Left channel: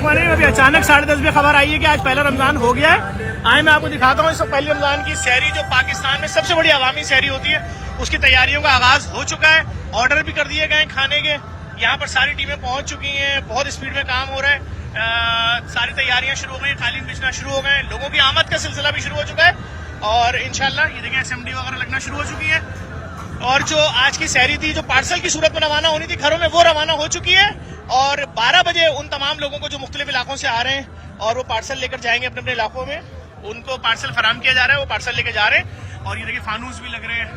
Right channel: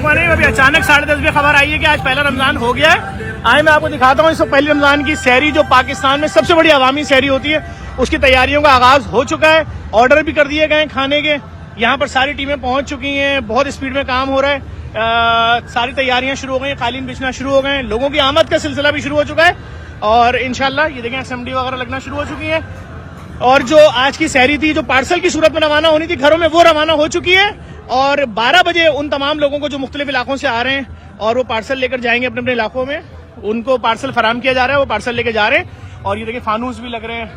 अखवानी, अभी अचानक 10:30 बजे खबर आई है कि आज पहला रमजान हो गया है। आज मैं आपको दिखाता हूँ इससे पहले रमजान की सहरी, जो पाकिस्तान में सबसे बड़ी अवामी सहरी होती है, उसकी तैयारियों का आगाज हो चुका है। ऑर्डर भी कर दिए गए खाने के। यहाँ पर सारी टीमें पहुंच चुकी हैं, बहुत स्पीड में काम हो रहा है। सारी तैयारियां शुरू हो गई, कालीन बिछना शुरू हो गए, लोगों की आमद का सिलसिला भी शुरू हो चुका है और इंशाल्लाह ये देखें असेंबली वगैरह लगना शुरू हो चुकी है। और जो आज की सहरी थी, जो पार्सल की सूरत में रवाना होनी थी घरों में, वो रवाना हो चुकी है। और 12 बजे उन तमाम लोगों को जो मुख्तलिफ इलाकों से आ रहे हैं और वो पार्सल लेकर जाएंगे अपने अपने इलाकों में, उनको पार्सल फराम किया जा रहा है, वो पार्सल लेकर जा रहे हैं। और ये देखिए फानूस भी लग रहे हैं,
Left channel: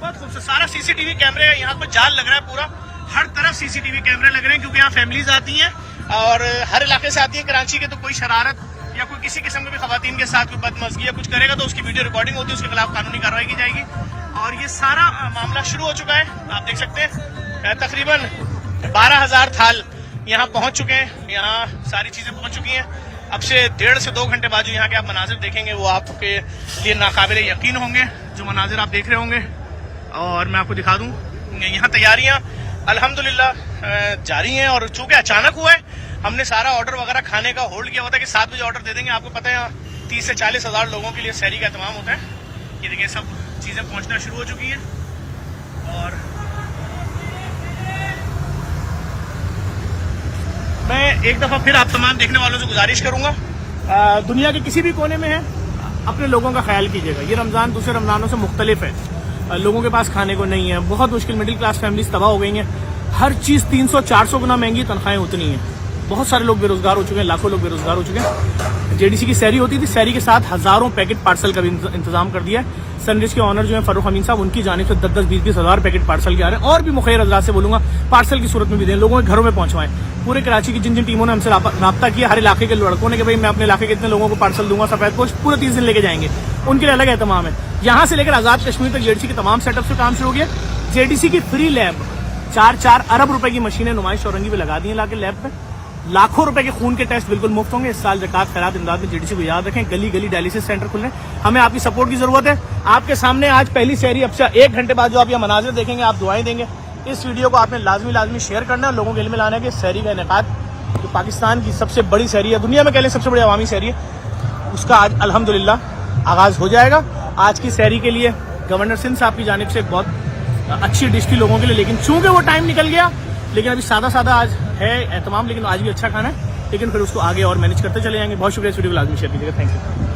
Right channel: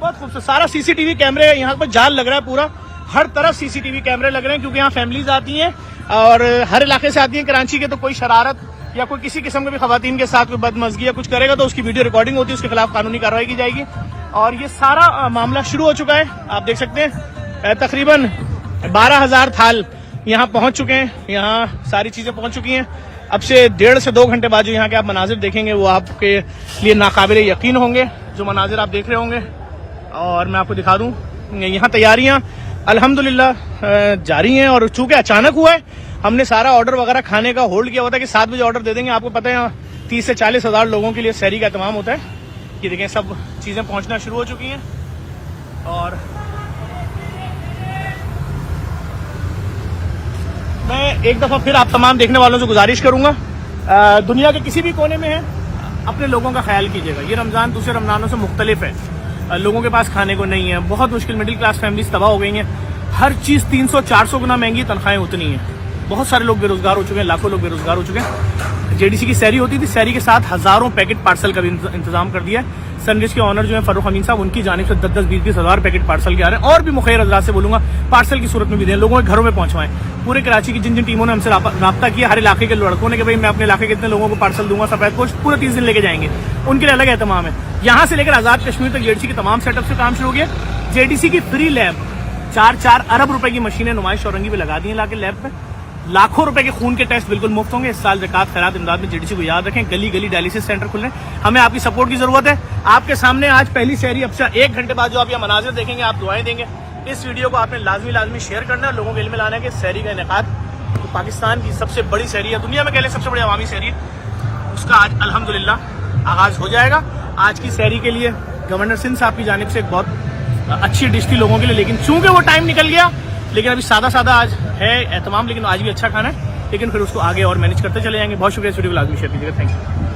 बहुत खूबसूरत। सारा सीसीटीवी कैमरे यहाँ पर जाल लग रहा है, पूरा हर तरफ सीसीटीवी कैमरे लग रहे हैं, क्योंकि यहाँ फैमिलीज आती हैं और हर इलाके से आती हैं कराची के। तो कोई शरारत या कोई किसी किस्म की भी खवातीन के साथ कोई बदमजगी या कुछ करेगा तो उसकी वीडियो रिकॉर्डिंग होती है, उसके खिलाफ कानूनी कार्रवाई की जाएगी। और ये सारा मामला शुरू हो चुका है, आप देख सकते हैं। तकरीबन 12,000 थाल यहाँ पहुंच चुके हैं, यहाँ सारी चीजें पहुंच चुकी हैं। अब से 1.5 से 2 घंटे बाद जो यहाँ के आप मनाजिर देखेंगे वो आपके लिए नाकाबिले यकीन होंगे, जो मनाजिर आप देख रहे होंगे। और मैं आपको दिखा दूं, यहाँ तैयारियां अल्हम्दुलिल्लाह जारी हैं। और चूंकि अचानक हुआ है, हमने सारा ऑर्डर वगैरह खाने का होल्ड किया हुआ था कि 7 बजे ऑर्डर दे देंगे। आपको पता है 30 से 40 हज़ार लोगों के लिए सहरी का एहतमाम होता है। ये देखें सब चीजें पहुंचना शुरू हो चुकी हैं। और मैं एक दफा फिर आप तमाम देखने वालों से गुजारिश करूंगा, दुनिया के किसी भी कोने में है, अपने लोगों का ख्याल कीजिएगा। ये रमजान दूसरे रमजानों से मुख्तलिफ है, लोगों के पास खाने को नहीं है, बहुत मुश्किल, मिडिल क्लास फैमिलीज तबाह हो गई हैं। हर चीज 300-400 गुना महंगी, तनख्वाहें उतनी हैं, बहुत सारे लोग बेरोजगार हो चुके हैं, लाखों लोग बेरोजगार हो चुके हैं। जेडीसी की सहरी होती थी, सहरी के साथ हजारों पैकेट पार्सल का भी इंतजाम कर दिया है। सनराइज के ऑनर जो है फरूख अमीन साहब, उनकी जानिब से 10-20 हज़ार पैकेट पार्सल के आ रहे हैं। और भी मुखैर हजरात से बोलूंगा पार्सल की सूरत में भी दें, लोगों के घरों में पहुंचवाएं। पूरे कराची की जिन जिन टीमों ने हमसे राब्ता किया, हर इलाके के लड़कों ने कि भाई मैं अपने इलाके के इतने लोगों को पार्सल दूंगा, सफेद पोस्ट पूरे 30 दिन लेके जाएंगे, उनके लिए अलग एहतमाम है। यहाँ से लेकर आजाद कश्मीर तक जेडीसी के तमाम सेटअप से काम शुरू हो गया। जेडीसी की फ्री लैब 4-4 अरब रुपए की मशीनें नुमाइश औरंगी पे लगा दी है लाके लैब पे। लाखों रुपए के खून के टेस्ट बिल्कुल मुफ्त होंगे। इस साल ज़कात खैरात इमदाद में जेडीसी को याद रखें, गली गली डायलिसिस सेंटर खुल रहे हैं। हमें आपकी सपोर्ट की जरूरत है। आपके सामने आज पहली सहरी, अब से 1 घंटे बाद जो आप ये मनाजिर देखेंगे, आप दुआएं देंगे। इस वीडियो को आपने लाजमी शेयर करना है, लोगों में लाने की सहरी का इनेकाद पाकिस्तान की सबसे बड़ी सहरी है, दुनिया में कह लें सबसे बड़ी अवामी सहरी है, उसका आज अल्हम्दुलिल्लाह आगाज हो जाएगा। आज की सहरी के लिए गवर्नर सिंध साहब की जानिब से एक बहुत अच्छी डिश थी लोगों के लिए, लेकिन चूंकि वो टाइम निकल गया, लेकिन अभी सादा आज है एहतमाम, लेकिन आज भी अच्छा खाना है, लेकिन फिर उसको आगे और मैनेज करते चले जाएंगे। बहुत शुक्रिया, इस वीडियो को लाजमी शेयर कीजिएगा। Thank you.